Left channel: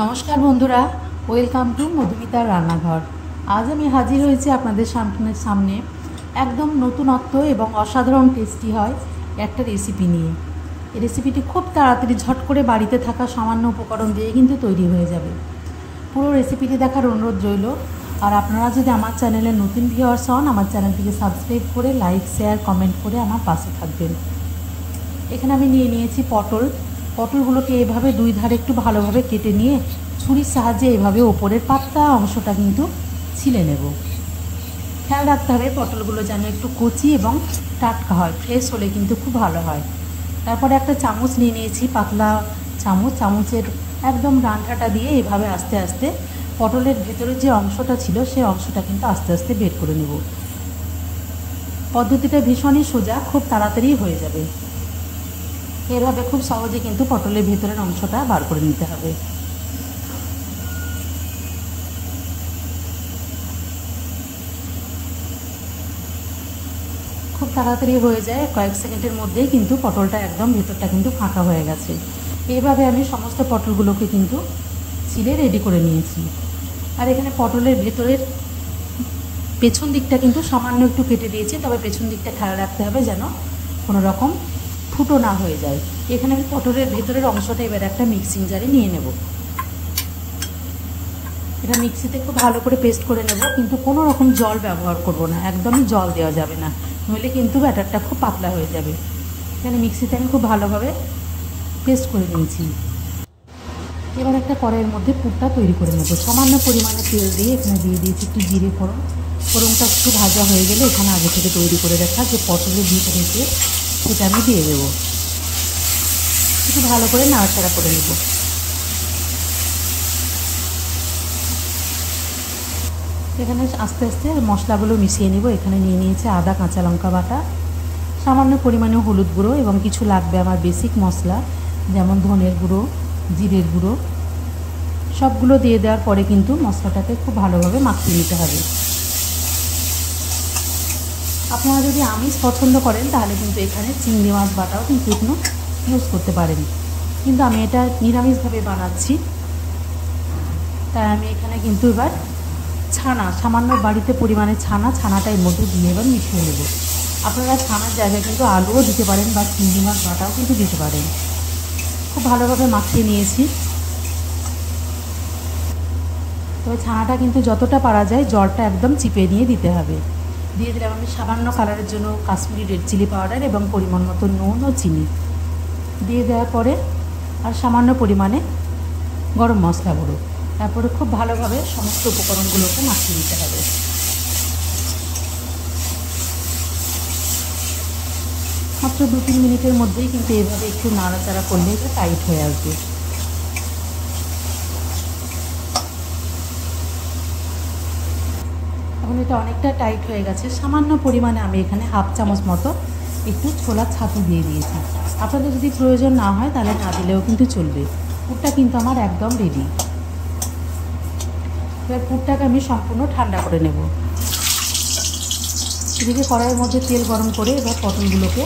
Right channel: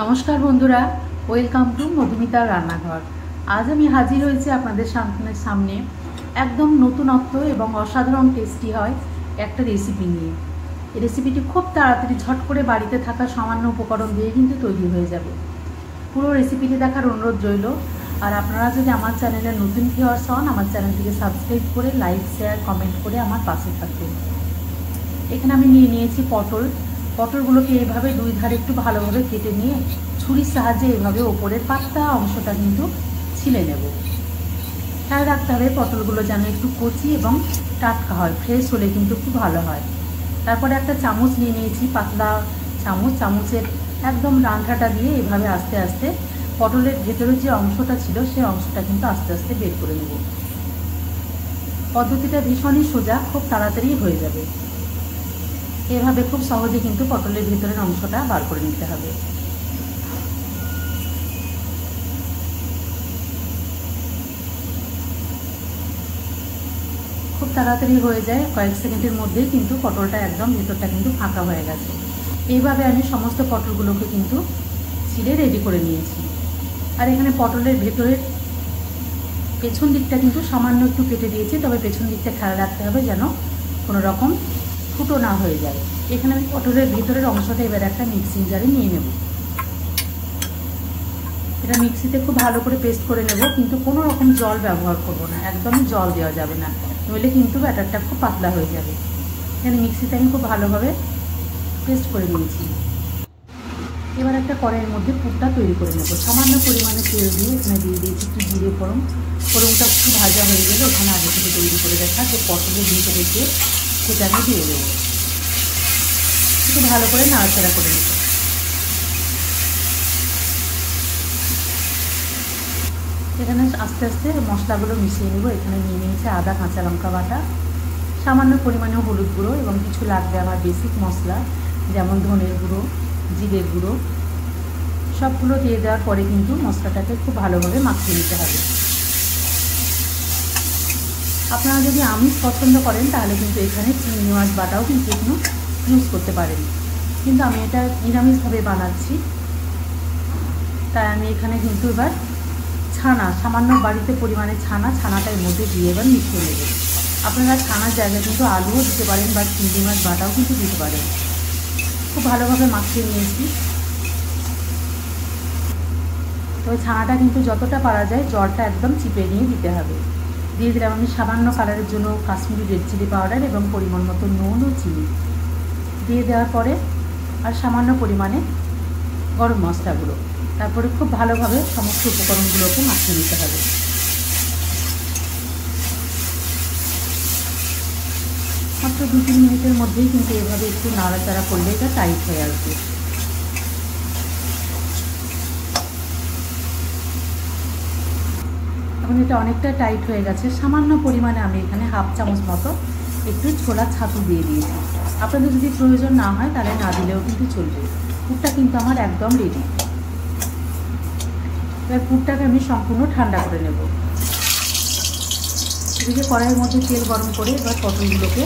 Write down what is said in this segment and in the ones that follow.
নমস্কার বন্ধুরা, welcome to মধুমিতার রান্নাঘর। আজ আমি হাজির হয়েছি আপনাদের সামনে একদম নতুনত্ব এবং অসাধারণ টেস্টি হয় একটা রেসিপি নিয়ে। এই রেসিপিটি খুব তাড়াতাড়ি ঝট করে বাড়িতে থাকা সামান্য উপকরণ দিয়ে কিন্তু তৈরি হয়ে যাবে। পুরো রেসিপিটি দেখার অনুরোধ রইল। আর আপনারা যদি আমার চ্যানেলে নতুন ভিউয়ার্স হন, আমার চ্যানেলটিকে সাবস্ক্রাইব করে লাইক, শেয়ার, কমেন্ট করে আমার পাশে থাকবেন। এখানে আমি নিয়ে নিয়েছি পটলগুলোকে এইভাবে দুই ধারে একটু ভালোভাবে কেটে নিয়ে ছুরির সাহায্যে এভাবে ওপরের পাতলা অংশটা কিন্তু ছিলে নেব। খেয়াল রাখতে হবে পটলগুলো যেন একটু কচি এবং টাটকা হয়, ফ্রেশ হলে কিন্তু খুব ভালো হয়। তারপরে একটা চামচ নিয়ে নিয়েছি, পাতলা চামচের একদম ডাঁটাটা দিয়ে এভাবে আস্তে আস্তে পটলের ভেতরের যে অংশটা ছিল সেই অংশটা কিন্তু আস্তে আস্তে বের করে নেব। পদ্ধতিটা ভীষণই সোজা, খুব তাড়াতাড়ি হয়ে যাবে। এভাবে খুব সহজে কিন্তু পটলের ভেতরের অংশটা বার করে নিতে হবে। খুব তাড়াতাড়ি হয়ে যায়, কয়েক সেকেন্ডের মধ্যে কিন্তু পটলটা একদম ভেতরটা কিন্তু ফাঁকা হয়ে গেছে। এইভাবে আমি সমস্ত পটলগুলোকে কিন্তু ছিলে রেডি করে নিয়েছি। আর এখানে পটলের ভেতরের পেছন দিকটা কিন্তু সামান্য একটু কেটে দিয়েছি, তবে পেছন দিকটা খেয়াল রাখতে হবে যেন কোনো রকম ফুটো না হয়ে যায়। এখানে আমি পটলের ভেতরের অংশটা এবার একটা মিক্সিং জারে নিয়ে নেব। এটা মিক্সিতে খুব ভালো করে পেস্ট করে নেব, কিন্তু কোনো রকম জল ব্যবহার করব না, একদমই জল দেওয়া যাবে না, নইলে কিন্তু ব্যাটারটা খুব পাতলা হয়ে যাবে। এখানে মিক্সিতে আমি খুব ভালোভাবে পেস্ট করে নিয়েছি। এবার একটা কড়াইয়ের মধ্যে পুরটা তৈরি করে নেব। সামান্য পরিমাণে তেল দিয়ে এখানে দিয়ে দিয়েছি একটু জিরে ফোড়ন। ফোড়নটা একটু ভাজা হয়ে গেলে এখানে আগে থেকে তৈরি করে রাখা যে পটলের ভিতরে দিয়ে সেটা আমি দিয়ে দেবো। একটু ভালো করে নাড়াচাড়া করে নেব। এখানে আস্তে আস্তে মশলাগুলো মিশিয়ে নেব। এখানে নিয়ে নিয়েছি আদা, কাঁচা লঙ্কা বাটা, সামান্য পরিমাণে হলুদ গুঁড়ো এবং কিছু লাগবে আমার বেসিক মশলা যেমন ধনের গুঁড়ো, জিরের গুঁড়ো। সবগুলো দিয়ে দেওয়ার পরে কিন্তু মশলাটাকে খুব ভালোভাবে মাখিয়ে নিতে হবে। আপনারা যদি আমিষ পছন্দ করেন তাহলে কিন্তু এখানে চিংড়ি মাছ বাটাও কিন্তু একটু ইউজ করতে পারেন, কিন্তু আমি এটা নিরামিষভাবে বানাচ্ছি, তাই আমি এখানে কিন্তু এবার সামান্য বাড়িতে পরিমাণে ছানাটা এর মধ্যে দিয়ে এবার মিশিয়ে নেব। আপনারা ছানার জায়গায় কিন্তু আলুও দিতে পারেন বা চিংড়ি মাছ বাটাও কিন্তু দিতে পারেন। খুব ভালোভাবে মাখিয়ে নিয়েছি। তবে ছানাটা কিন্তু যতটা পারা যায় জলটা একদম চিপে নিয়ে দিতে হবে। দিয়ে দিলাম আমি সামান্য কালারের জন্য কাশ্মীরি রেড চিলি পাউডার এবং পরিমাণ মতো নুন ও চিনি দিয়ে দেওয়ার পরে আর সামান্য পরিমাণে গরম মশলা গুঁড়ো। তারপরে খুব ভালোভাবে সমস্ত উপকরণগুলোকে মাখিয়ে নিতে হবে। মাত্র 2-3 মিনিটের মধ্যেই কিন্তু এভাবে একটু নাড়াচাড়া করলে এটা টাইট হয়ে আসবে। এখন এটা অনেকটা টাইট হয়ে গেছে। সামান্য পরিমাণে আমি এখানে হাফ চামচ মতো একটু ছোলার ছাতু দিয়ে দিয়েছি। আপনাদের যদি প্রয়োজন না হয় তাহলে না দিলেও কিন্তু চলবে। পুরটা কিন্তু আমার একদম রেডি। এবার পুরটাকে আমি সম্পূর্ণ ঠান্ডা করে নেব। এদিকে কড়াইয়ের মধ্যে তেল গরম করে এবার পটলগুলোকে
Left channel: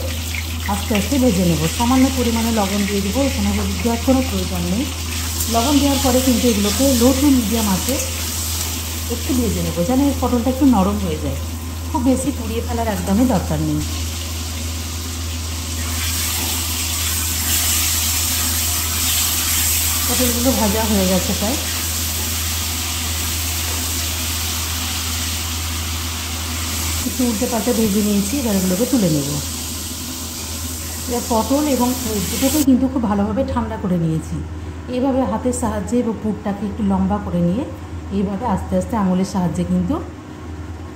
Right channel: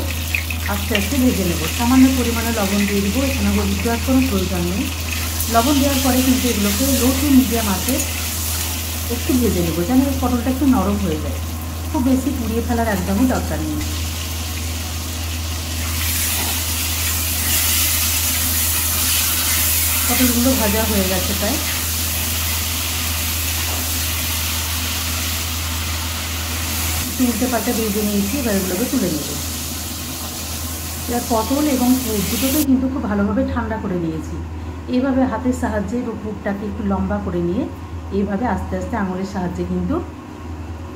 আস্তে আস্তে ভেজে নেব। সামান্য পরিমাণে লবণ দিয়ে দেবো, এখানে হলুদ দেওয়ার কোনো প্রয়োজন নেই। লবণ দেওয়ার পরে কিন্তু এগুলোকে লো টু মিডিয়াম আছে একটু ভেজে নেবো যেন এই পটলটা একটু নরম হয়ে যায়। খুব বেশি পুড়িয়ে ফেলার একদমই দরকার নেই। পটলগুলো ভাজা হয়ে গেছে প্রায়। একটু উল্টে পাল্টে ভেজে নিয়েছি, এবার এগুলোকে তুলে নেব। এবার পটল এবং দুটোকেই কিন্তু খুব ভালোভাবে ঠান্ডা করে নিয়েছি। এইভাবে হাতের সাহায্যে পুরটাকে একটু লম্বা করে নিয়ে এইভাবে আস্তে আস্তে আঙুলের সাহায্যে কিন্তু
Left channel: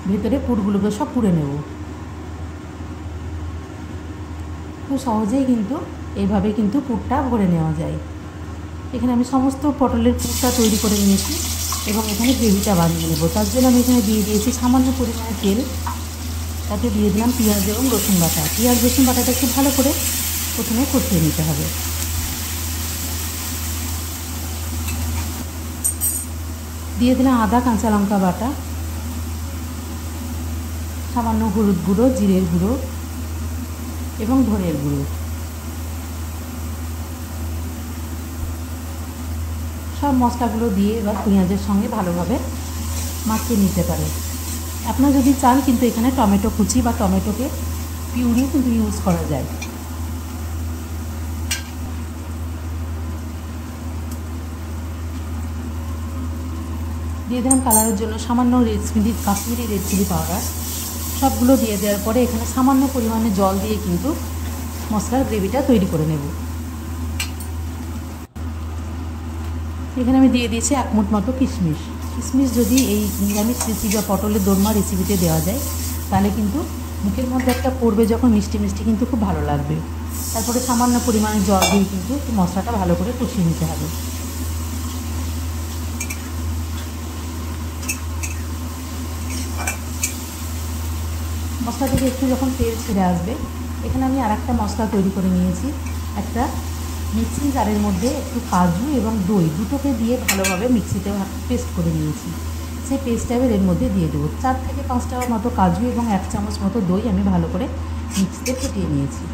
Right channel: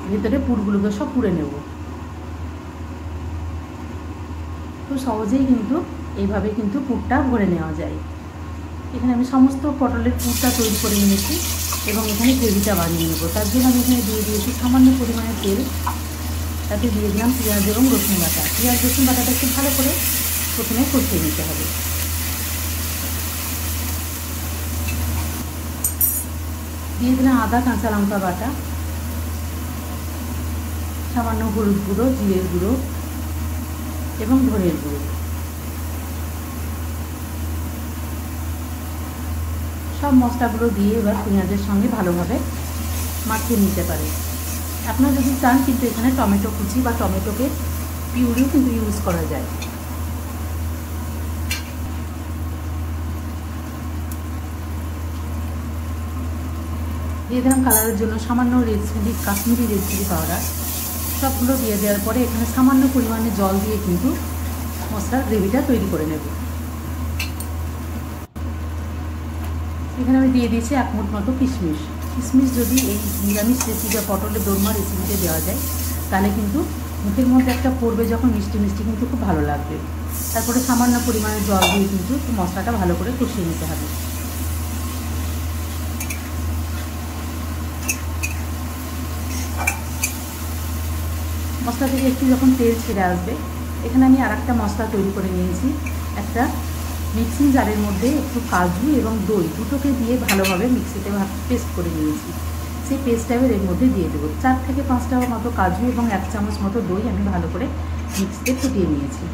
ভেতরে পুরগুলোকে সব পুড়ে নেব। খুব সহজেই কিন্তু এইভাবে কিন্তু পুরটা ভরে নেওয়া যায়। এখানে আমি সমস্ত পটলের পুরটা তৈরি করে নিয়েছি এবং এখানে গ্রেভিটা বানিয়ে নেব। তার জন্য আমি এখানে দিয়ে দিয়েছি সামান্য পরিমাণে তেল, তাতে দিয়ে দিলাম পেঁয়াজ এবং রসুন বাটা। পেঁয়াজ রসুন বাটাটা খুব ভালো করে প্রথমে কষিয়ে নিতে হবে। দিয়ে দিলাম আদা, কাঁচা লঙ্কা বাটা, সামান্য হলুদ গুঁড়ো, জিরের গুঁড়ো এবং ধনের গুঁড়ো। সব মশলাগুলো দিয়ে এবার পেঁয়াজের সঙ্গে ভালোভাবে মাখিয়ে নিতে পারে। আপনারা যদি চান কিন্তু এখানে টমেটো কুচি বা টমেটোকে পিউরি কিন্তু ইউজ করা যায়। দিয়ে দিলাম কালারের জন্য সামান্য কাশ্মীরি রেড চিলি পাউডার। সবগুলো দিয়ে দেওয়ার পরে এখানে সামান্য পরিমাণে জল দিয়ে কিন্তু মশলার গ্রেভিটা তৈরি করে নেব। এখানে আমি দিয়ে দিয়েছি 1 মুঠ মতো কিশমিশ। কিশমিশ যদি এই নিরামিষ রেসিপি বা পটলের দোরমা রেসিপিতে দেওয়া যায় তাহলে কিন্তু মুখের মধ্যে একটা পড়বে যখন মিষ্টি মিষ্টি কিন্তু খুব ভালো লাগবে। তারপরে সামান্য পরিমাণে জল দিয়ে কিন্তু মশলাটা ভালো করে কষিয়ে নিতে হবে। মশলা থেকে একটু যখন তেল ছেড়ে আসবে এখানে আমি আরেকটা মশলা তৈরি করে নিয়েছি। একটা মিক্সিং জারের মধ্যে একটু কাজু এবং দই দুটোকে দিয়ে ভালোভাবে মিক্সিতে পেস্ট করে নিয়েছি। সেই পেস্টটা আমি এর মধ্যে দিয়ে দেবো। 4 থেকে 5টা মতো কাজু এবং 1 চামচ মতো দই আমি ভালো করে মিক্সিতে ফুটিয়ে নিয়েছি।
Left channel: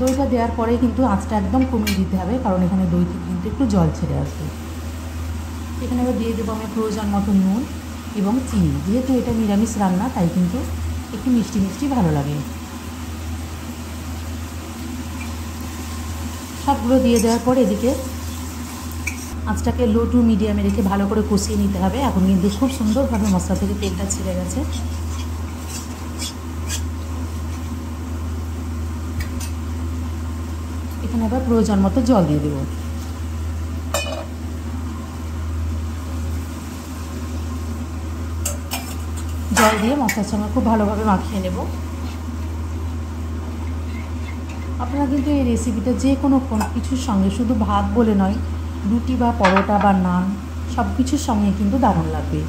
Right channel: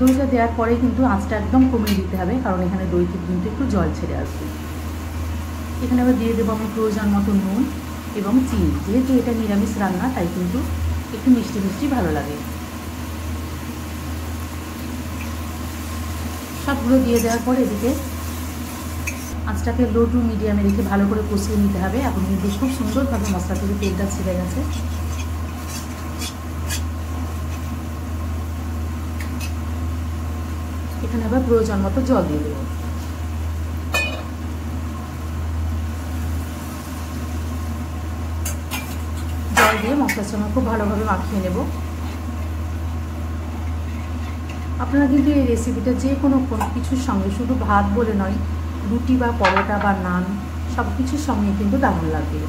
দইটা দেওয়ার পরে কিন্তু আঁচটা একদম কমিয়ে দিতে হবে, কারণ এখানে দই থেকে কিন্তু একটু জল ছেড়ে আসবে। এখানে এবার দিয়ে দেবো আমি প্রয়োজন মতো নুন এবং চিনি। যেহেতু এটা নিরামিষ রান্না তাই কিন্তু একটু মিষ্টি মিষ্টি ভালো লাগে। সবগুলো দিয়ে দেওয়ার পর এদিকে আঁচটাকে লো টু মিডিয়ামে রেখে ভালো করে কষিয়ে নিতে হবে। এখন কিন্তু খুব সুন্দরভাবে মশলা থেকে তেলটা ছেড়ে গেছে। এখানে আবার প্রয়োজন মতো জল দিয়ে দেবো। জল দিয়ে মশলার সঙ্গে খুব ভালোভাবে মাখিয়ে নেব। আপনারা কিন্তু এই রেসিপিটা যে কোনো কিছুর সঙ্গে, শুধু ভাত বলে নয়, রুটি বা পরোটা বা নান সব কিছুর সঙ্গে কিন্তু দারুণ লাগবে।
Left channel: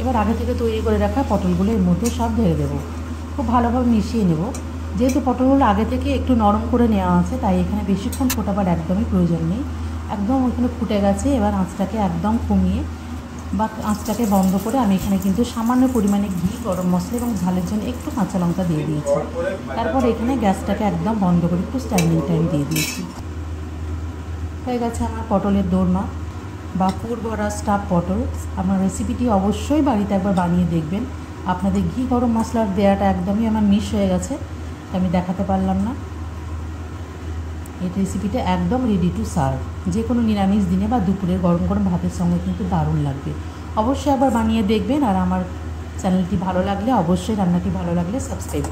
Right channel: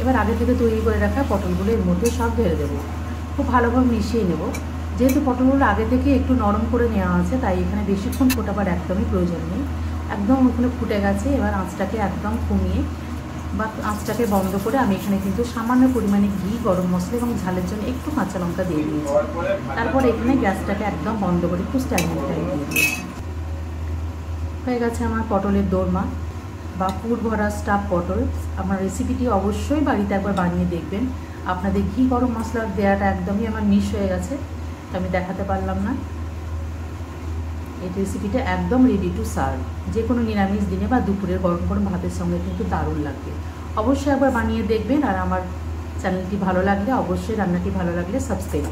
এবার আগে থেকে তৈরি করে রাখা পটলগুলো এর মধ্যে সব ঢেলে দেবো। খুব ভালোভাবে মিশিয়ে নেব। যেহেতু পটলগুলো আগে থেকে একটু নরম করে নেওয়া আছে তাই এখানে বেশিক্ষণ ফোটাবার একদমই প্রয়োজন নেই। একদম ওখানে ফুটে গেছে। এবার আঁচটাকে একদম কমিয়ে বা আঁচটাকে বন্ধ করে আমি এখানে কিন্তু সামান্য পরিমাণে ঘি, গরম মশলা এবং ঝালের জন্য একটু কাঁচা লঙ্কা দিয়ে দিয়েছি। তারপর এখানে গ্যাসটাকে একদম বন্ধ করে একটু স্ট্যান্ডিং টাইম দিয়ে দিয়েছি। হয়ে গেছে আমার পটলের দোরমা বা ফুড ভরা স্টাফ পটল। আমার রেসিপিটি অবশ্যই বাড়িতে একবার বানিয়ে দেখবেন। আপনাদের ঘি গরম মশলার দেওয়াটা একদমই আমার মিস হয়ে গেছে, তো আমি দেখাতে পারলাম না। এই রেসিপিটা একদম রেডি টু সার্ভ। যে কোনো নিরামিষ দিনে বা দুপুরের গরম গরম ভাতের সঙ্গে কিন্তু দারুণ লাগবে। অবশ্যই একবার বানিয়ে দেখবেন। আর আমার চ্যানেলটি ভালো লাগলে, অবশ্যই রান্নাটি ভালো লাগলে সাবস্ক্রাইব করুন।